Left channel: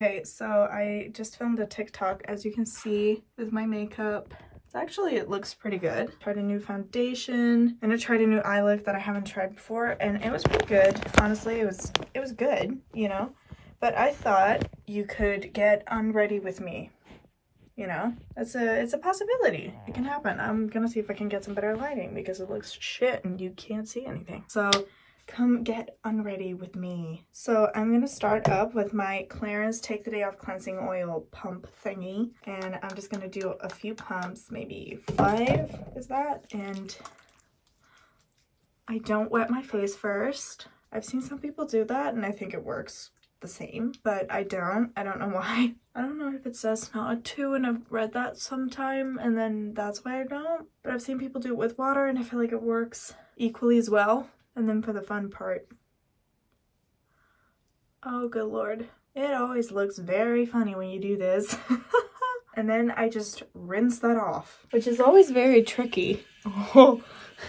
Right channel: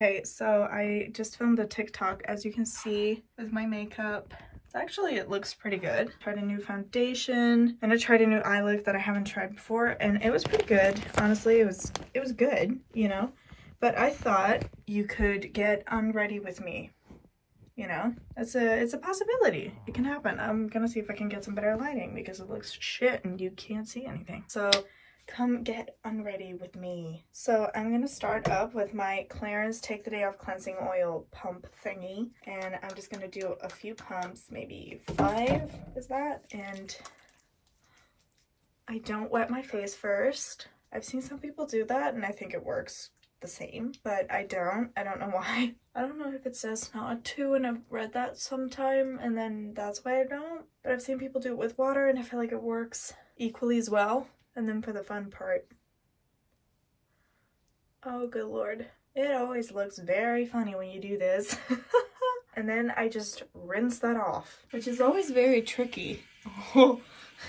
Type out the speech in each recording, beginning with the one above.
Okay, so I just filmed a TikTok, as you can see, with my makeup. Actually, it looks pretty good. Tried a new foundation and I tried a new eye look that I haven't tried before, and it was pretty good. Honestly, it was good, you know. But I thought you could get unready with me. You know, it's a possibility. It can happen. I'm gonna see if I can get some better lighting because it looks shit and you can't see anything. So come get unready with me. So I'm gonna start up with my Clarins Take the Day Off Cleansing Oil pump thingy, and I'm just gonna do a few pumps, maybe 5 is that, and I don't wet my face first. I've seen some people do that and I think it works the same, but I don't know why. I don't know if it says not to, and I've read that sometime and then that's why I don't, but I've seen people do it with water and I feel like it works equally as well. And then for the fun part, oh good lord, it always looks very funny when you do this. And then I just rinse that off, which is always very tricky. Oh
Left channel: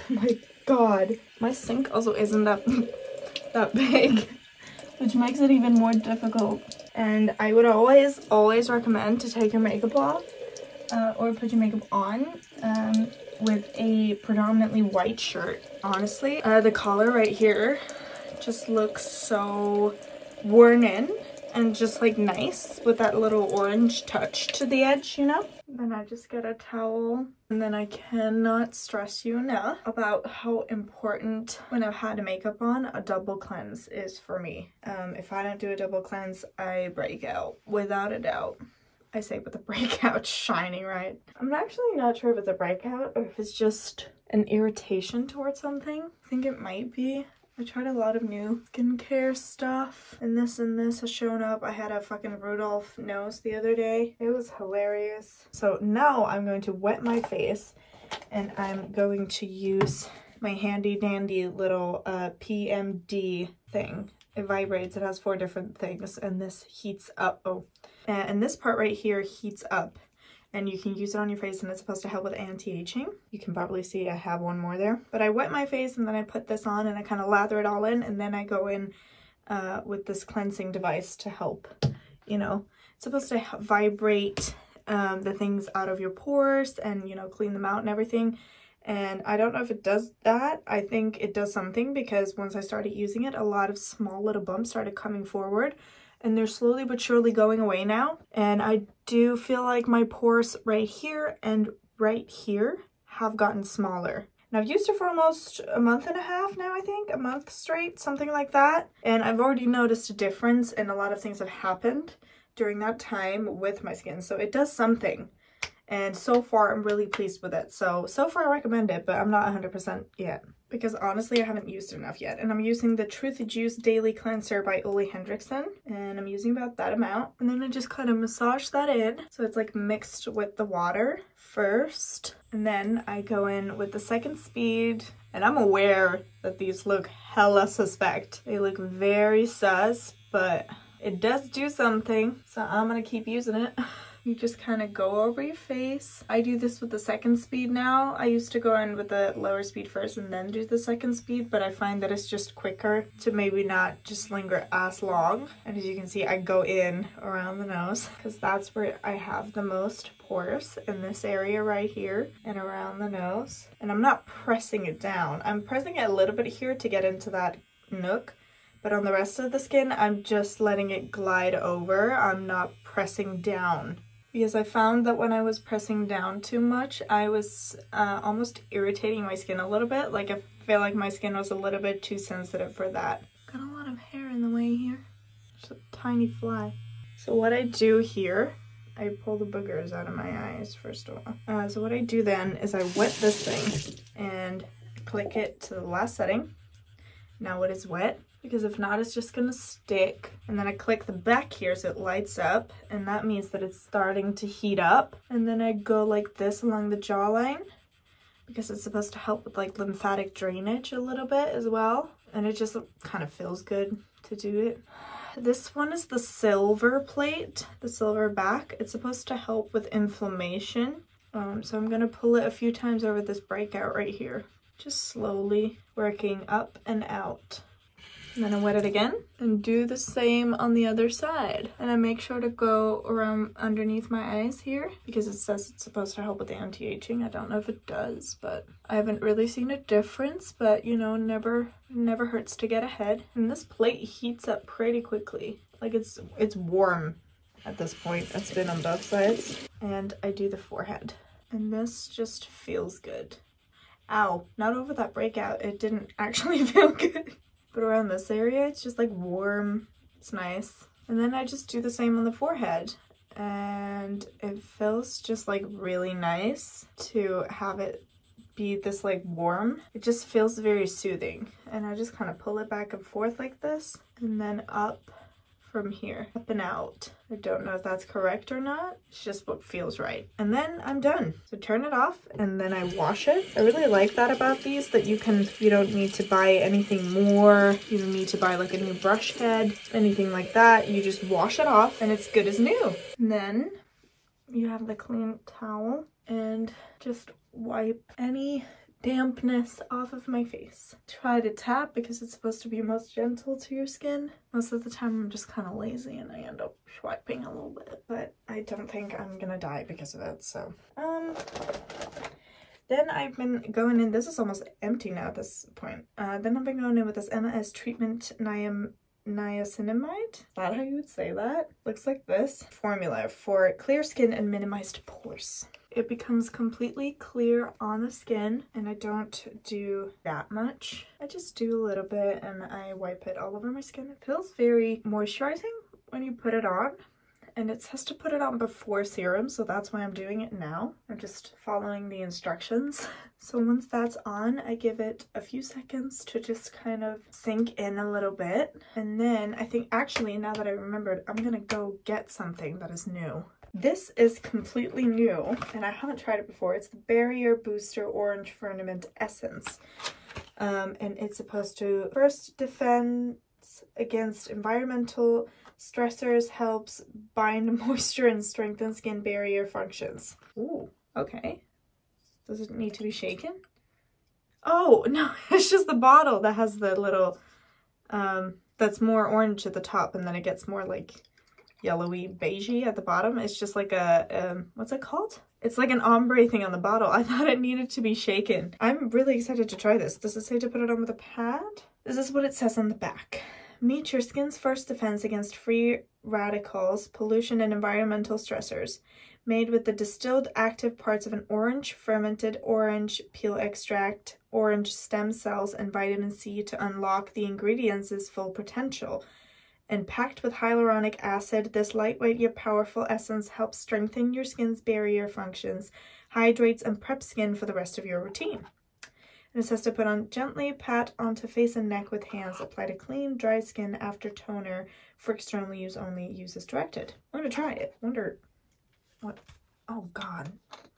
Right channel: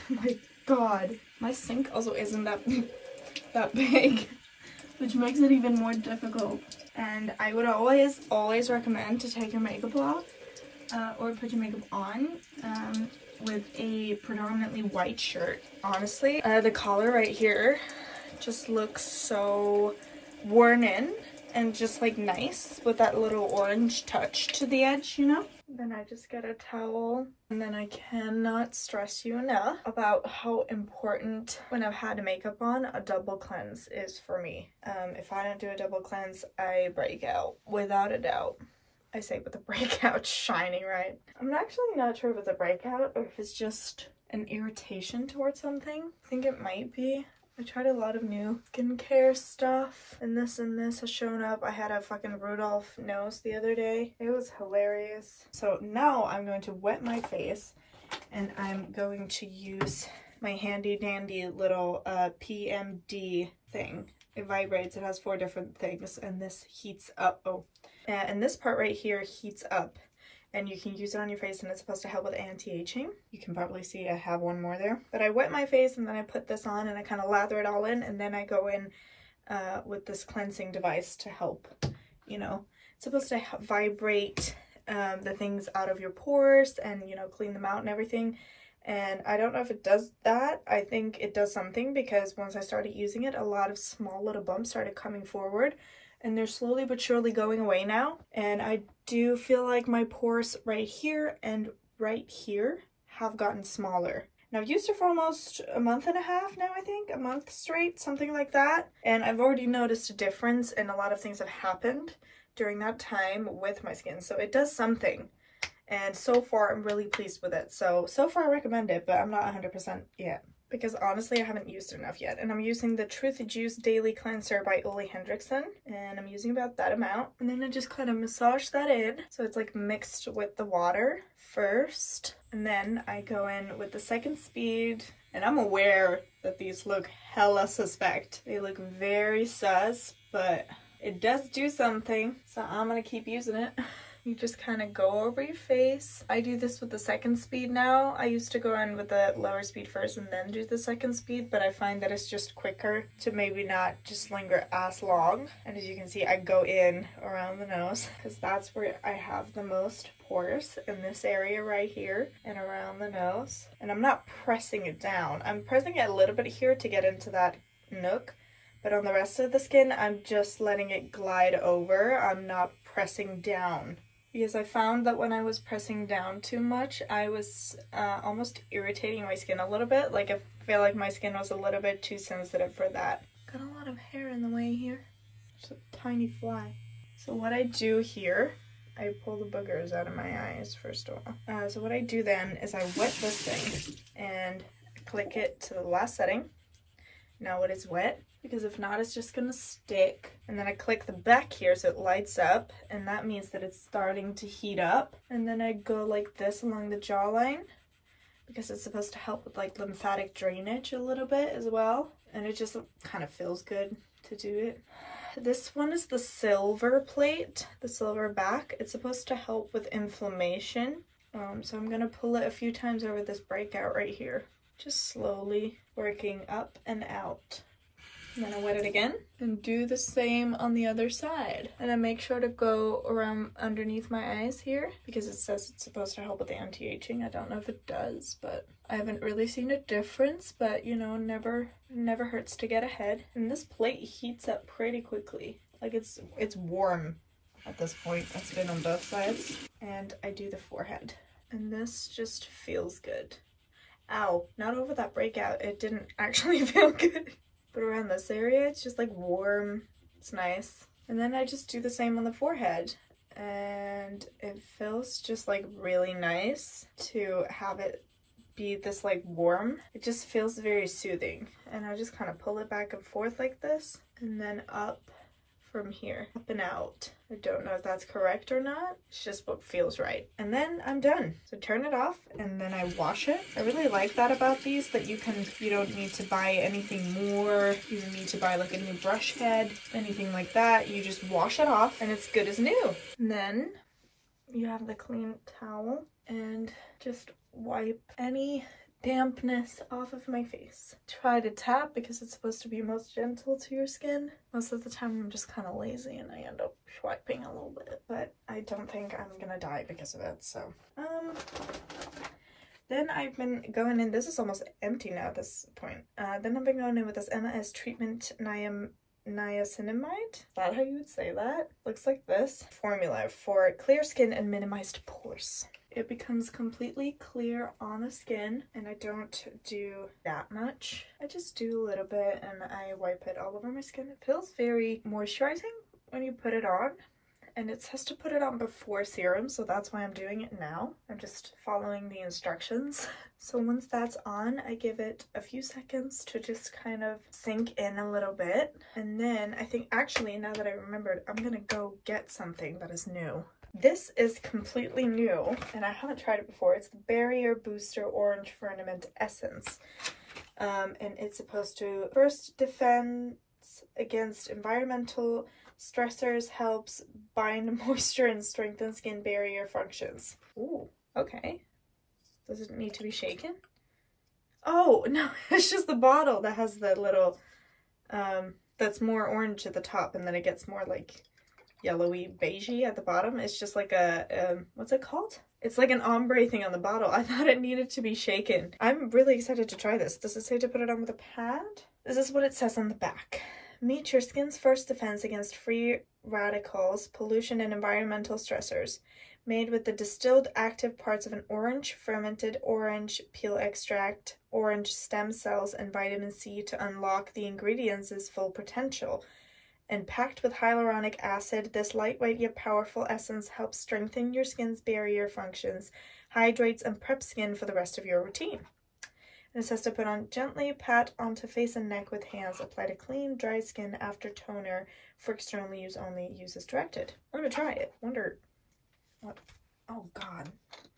my god, my sink also isn't that big, which makes it even more difficult. And I would always recommend to take your makeup off or put your makeup on with a predominantly white shirt. Honestly, the collar right here just looks so worn in and just like nice with that little orange touch to the edge, you know? Then I just get a towel, and then I cannot stress you enough about how important, when I've had makeup on, a double cleanse is for me. If I don't do a double cleanse, I break out, without a doubt. I say with the breakout shining, right? I'm actually not sure if it's a breakout or if it's just an irritation towards something. I think it might be. I tried a lot of new skincare stuff and this has shown up. I had a fucking Rudolph nose the other day. It was hilarious. So now I'm going to wet my face and I'm going to use my handy dandy little PMD thing. It vibrates, it has 4 different things, and this heats up. Oh, and this part right here heats up. And you can use it on your face, and it's supposed to help with anti-aging. You can probably see I have one more there. But I wet my face and then I put this on and I kind of lather it all in, and then I go in with this cleansing device to help, you know. It's supposed to vibrate the things out of your pores and, you know, clean them out and everything. And I don't know if it does that. I think it does something, because once I started using it, a lot of small little bumps started coming forward. And they're slowly but surely going away now. And I do feel like my pores right here and right here have gotten smaller. And I've used it for almost a month and a half now, I think. A month straight, something like that. And I've already noticed a difference, and a lot of things have happened during that time with my skin. So it does something. And so far, I'm really pleased with it. So far I recommend it, but I'm not 100% yet, because honestly, I haven't used it enough yet. And I'm using the Truth Juice Daily Cleanser by Ole Hendrickson, and I'm using about that amount. And then I just kind of massage that in, so it's like mixed with the water first. And then I go in with the second speed, and I'm aware that these look hella suspect. They look very sus, but it does do something, so I'm gonna keep using it. You just kind of go over your face. I do this with the second speed now. I used to go in with the lower speed first and then do the second speed, but I find that it's just quicker to maybe not just linger as long. And as you can see, I go in around the nose, because that's where I have the most pores, in this area right here and around the nose. And I'm not pressing it down. I'm pressing it a little bit here to get into that nook, but on the rest of the skin, I'm just letting it glide over. I'm not pressing down, because I found that when I was pressing down too much, I was almost irritating my skin a little bit. Like, I feel like my skin was a little bit too sensitive for that. Got a lot of hair in the way here. Just a tiny fly. So what I do here, I pull the boogers out of my eyes first of all. So what I do then is I wet this thing and click it to the last setting. Now it is wet, because if not, it's just gonna stick. And then I click the back here so it lights up, and that means that it's starting to heat up. And then I go like this along the jawline, because it's supposed to help with like lymphatic drainage a little bit as well. And it just kind of feels good to do it. This one is the silver plate, the silver back. It's supposed to help with inflammation. So I'm gonna pull it a few times over this breakout right here. Just slowly working up and out. And then I wet it again and do the same on the other side. And I make sure to go around underneath my eyes here because it says it's supposed to help with the anti-aging. I don't know if it does, but I haven't really seen a difference, but you know, never hurts to get ahead. And this plate heats up pretty quickly. Like it's warm at this point. It's been on both sides. And I do the forehead. And this just feels good. Ow, not over that breakout. It didn't actually feel good. But around this area, it's just like warm. It's nice. And then I just do the same on the forehead. And it feels just like really nice to have it be this like warm. It just feels very soothing. And I just kind of pull it back and forth like this. And then up from here, up and out. I don't know if that's correct or not. It's just what feels right. And then I'm done. So turn it off and then I wash it. I really like that about these, that you don't need to buy anything more. You don't need to buy like a new brush head, anything like that. You just wash it off and it's good as new. And then you have the clean towel and just wipe any dampness off of my face. Try to tap because it's supposed to be most gentle to your skin. Most of the time I'm just kind of lazy and I end up swiping a little bit, but I don't think I'm gonna die because of it. So then I've been going in, this is almost empty now at this point. Then I've been going in with this MAS treatment niacinamide. Is that how you would say that? Looks like this. Formula for clear skin and minimized pores. It becomes completely clear on the skin, and I don't do that much. I just do a little bit and I wipe it all over my skin. It feels very moisturizing when you put it on, and it says to put it on before serum, so that's why I'm doing it now. I'm just following the instructions. So once that's on, I give it a few seconds to just kind of sink in a little bit. And then I think, actually, now that I remembered, I'm gonna go get something that is new. This is completely new and I haven't tried it before. It's the Barrier Booster Orange Firmament Essence. And it's supposed to first defend against environmental stressors, helps bind moisture and strengthen skin barrier functions. Ooh, okay. Does it need to be shaken? Oh, no, it's just the bottle that has the little, that's more orange at the top and then it gets more like yellowy beigey at the bottom. It's just like a what's it called? It's like an ombre thing on the bottle. I thought it needed to be shaken. I'm really excited to try this. Does it say to put it on with a pad? This is what it says on the back. Meet your skin's first defense against free radicals, pollution, and environmental stressors. Made with the distilled active parts of an orange, fermented orange peel extract, orange stem cells, and vitamin C to unlock the ingredients' full potential. And packed with hyaluronic acid, this lightweight yet powerful essence helps strengthen your skin's barrier functions, hydrates, and preps skin for the rest of your routine. And it says to put on gently, pat onto face and neck with hands, apply to clean, dry skin after toner. For external use only, use as directed. I'm gonna try it. Wonder what, oh God,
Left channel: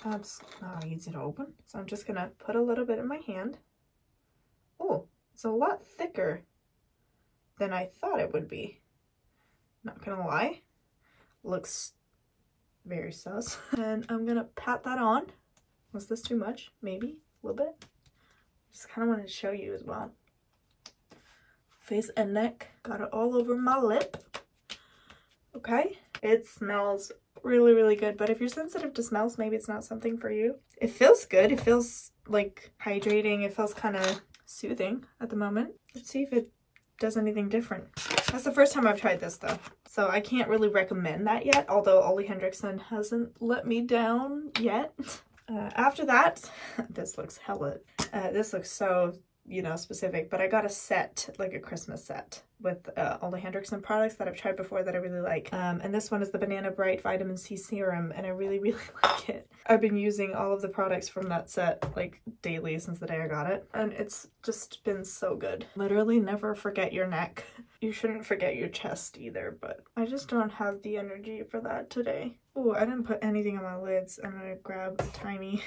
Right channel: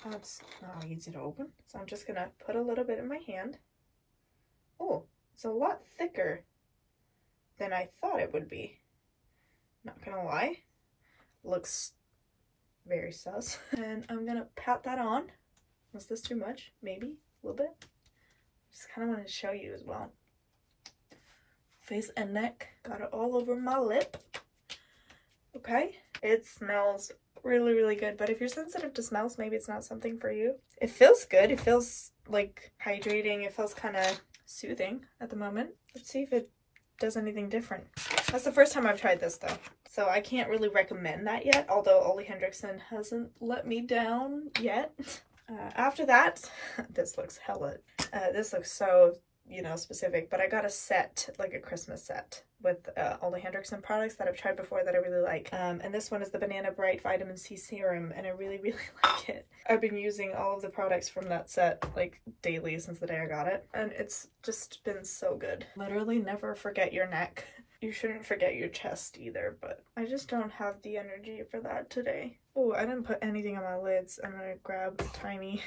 that's not easy to open. So I'm just gonna put a little bit in my hand. Oh, it's a lot thicker than I thought it would be. Not gonna lie, looks very sus. And I'm gonna pat that on. Was this too much? Maybe a little bit. Just kind of wanted to show you as well. Face and neck, got it all over my lip. Okay, it smells really, really good, but if you're sensitive to smells, maybe it's not something for you. It feels good. It feels like hydrating. It feels kind of soothing at the moment. Let's see if it does anything different. That's the first time I've tried this though, so I can't really recommend that yet, although Ole Henriksen hasn't let me down yet. After that, this looks hella, this looks so, you know, specific, but I got a set, like a Christmas set with Ole Henriksen products that I've tried before that I really like. And this one is the Banana Bright Vitamin C Serum, and I really, really like it. I've been using all of the products from that set like daily since the day I got it, and it's just been so good. Literally never forget your neck. You shouldn't forget your chest either, but I just don't have the energy for that today. Oh, I didn't put anything on my lids. I'm gonna grab a tiny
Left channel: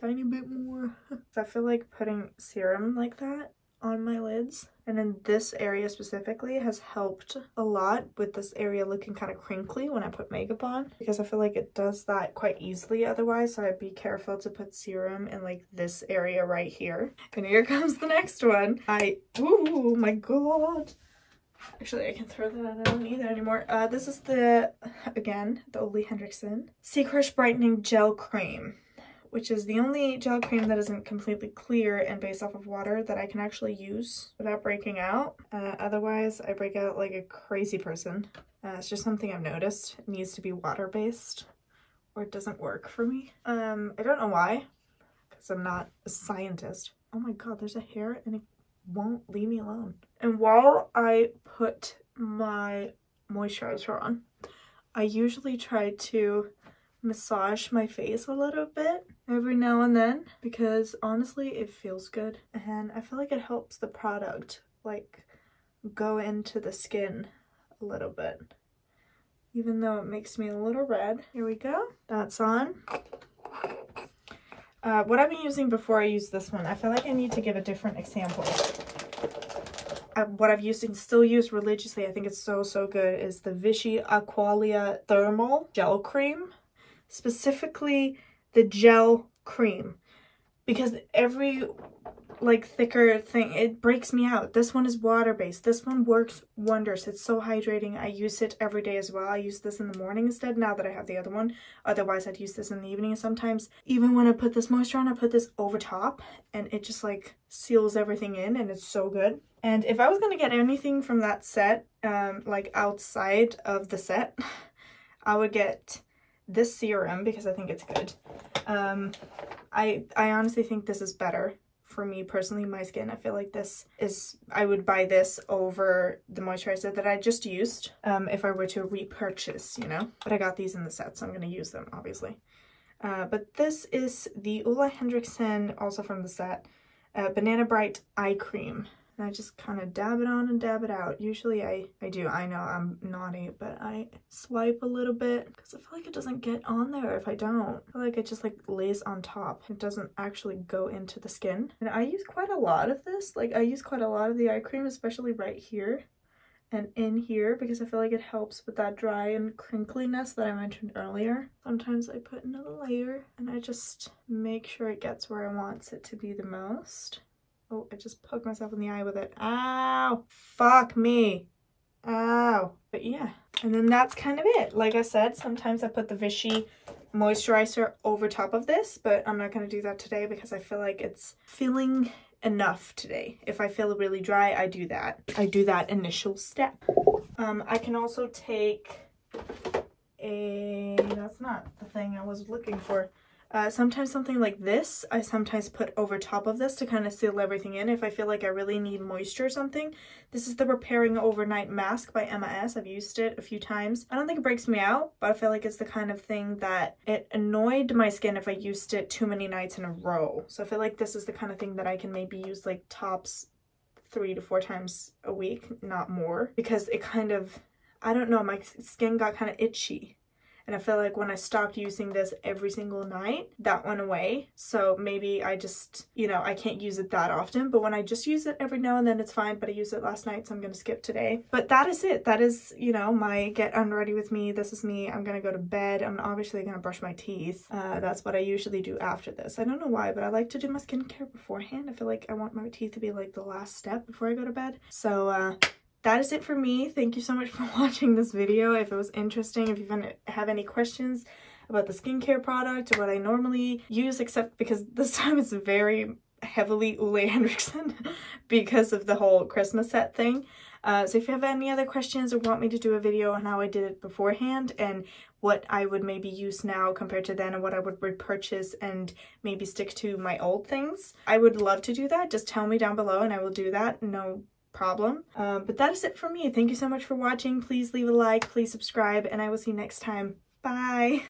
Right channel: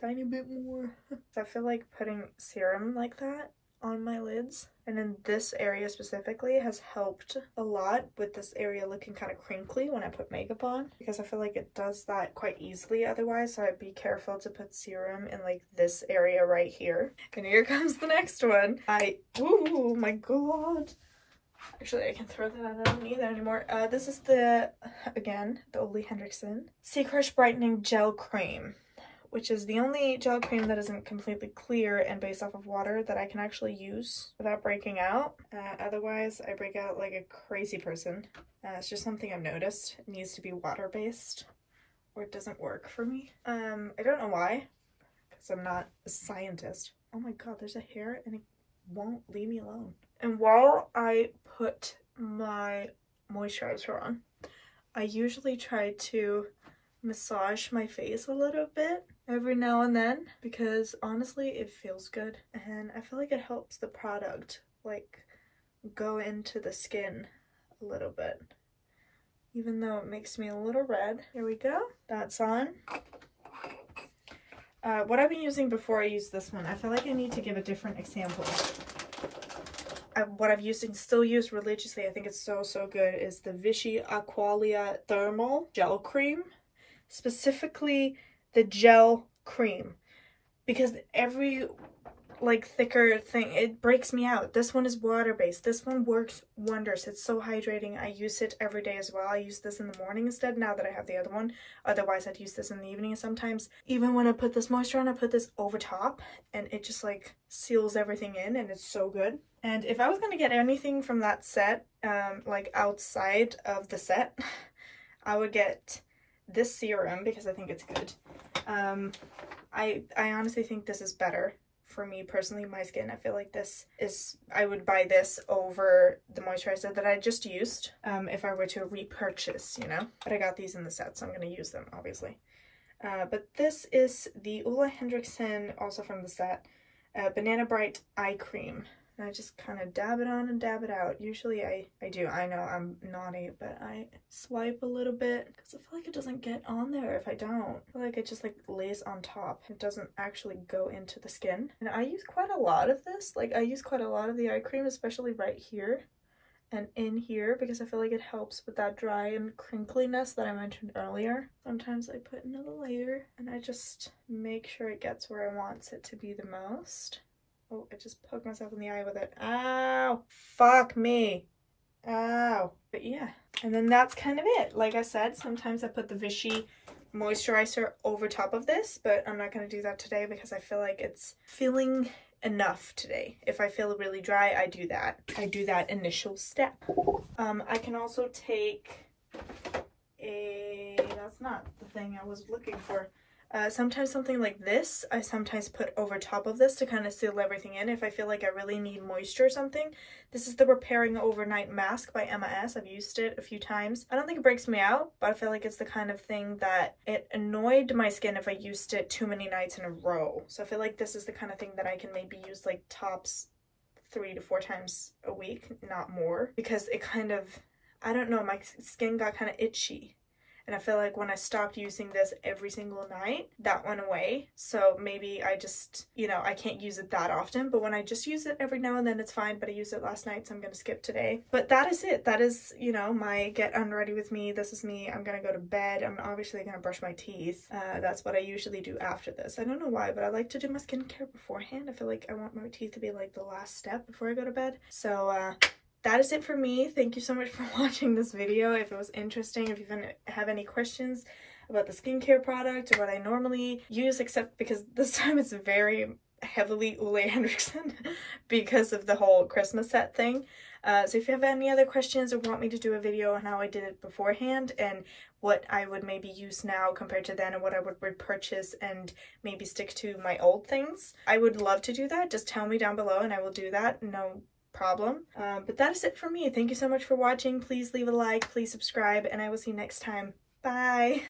bit more. I feel like putting serum like that on my lids. And then this area specifically has helped a lot with this area looking kind of crinkly when I put makeup on, because I feel like it does that quite easily otherwise. So I'd be careful to put serum in like this area right here. And here comes the next one. Oh my god. Actually, I can throw that out. I don't need that anymore. This is again, the Ole Henriksen Sea Crush Brightening Gel Cream, which is the only gel cream that isn't completely clear and based off of water that I can actually use without breaking out. Otherwise, I break out like a crazy person. It's just something I've noticed. It needs to be water-based or it doesn't work for me. I don't know why, because I'm not a scientist. Oh my god, there's a hair and it won't leave me alone. And while I put my moisturizer on, I usually try to massage my face a little bit every now and then, because honestly it feels good and I feel like it helps the product like go into the skin a little bit, even though it makes me a little red. Here we go, that's on. What I've been using before I use this one, I feel like I need to give a different example. What I've used and still use religiously, I think it's so good, is the Vichy Aqualia Thermal Gel Cream. Specifically the gel cream, because every like thicker thing, it breaks me out. This one is water-based. This one works wonders. It's so hydrating. I use it every day as well. I use this in the morning instead now that I have the other one. Otherwise I'd use this in the evening sometimes. Even when I put this moisture on, I put this over top and it just like seals everything in and it's so good. And if I was going to get anything from that set, like outside of the set, I would get this serum because I think it's good. I honestly think this is better for me personally, my skin. I feel like this is, I would buy this over the moisturizer that I just used if I were to repurchase, you know, but I got these in the set, so I'm going to use them obviously. But this is the Ole Henriksen, also from the set, Banana Bright Eye Cream. And I just kind of dab it on and dab it out. Usually I do. I know I'm naughty, but I swipe a little bit because I feel like it doesn't get on there if I don't. I feel like it just like lays on top. It doesn't actually go into the skin. And I use quite a lot of this. Like I use quite a lot of the eye cream, especially right here and in here, because I feel like it helps with that dry and crinkliness that I mentioned earlier. Sometimes I put another layer and I just make sure it gets where I want it to be the most. Oh, I just poked myself in the eye with it. Ow! Fuck me! Ow! But yeah, and then that's kind of it. Like I said, sometimes I put the Vichy moisturizer over top of this, but I'm not going to do that today because I feel like it's feeling enough today. If I feel really dry, I do that. I do that initial step. I can also take that's not the thing I was looking for. Sometimes something like this, I sometimes put over top of this to kind of seal everything in if I feel like I really need moisture or something. This is the Repairing Overnight Mask by Emma S. I've used it a few times. I don't think it breaks me out, but I feel like it's the kind of thing that it annoyed my skin if I used it too many nights in a row. So I feel like this is the kind of thing that I can maybe use like tops 3 to 4 times a week, not more, because it kind of, I don't know, my skin got kind of itchy. And I feel like when I stopped using this every single night, that went away. So maybe I just, you know, I can't use it that often. But when I just use it every now and then, it's fine. But I used it last night, so I'm going to skip today. But that is it. That is, you know, my get unready with me. This is me. I'm going to go to bed. I'm obviously going to brush my teeth. That's what I usually do after this. I don't know why, but I like to do my skincare beforehand. I feel like I want my teeth to be like the last step before I go to bed. So, that is it for me. Thank you so much for watching this video. If it was interesting, if you have any questions about the skincare product or what I normally use, except because this time it's very heavily Ole Henriksen because of the whole Christmas set thing. So if you have any other questions or want me to do a video on how I did it beforehand and what I would maybe use now compared to then and what I would repurchase and maybe stick to my old things, I would love to do that. Just tell me down below and I will do that. No problem. But that is it for me. Thank you so much for watching. Please leave a like, please subscribe, and I will see you next time. Bye!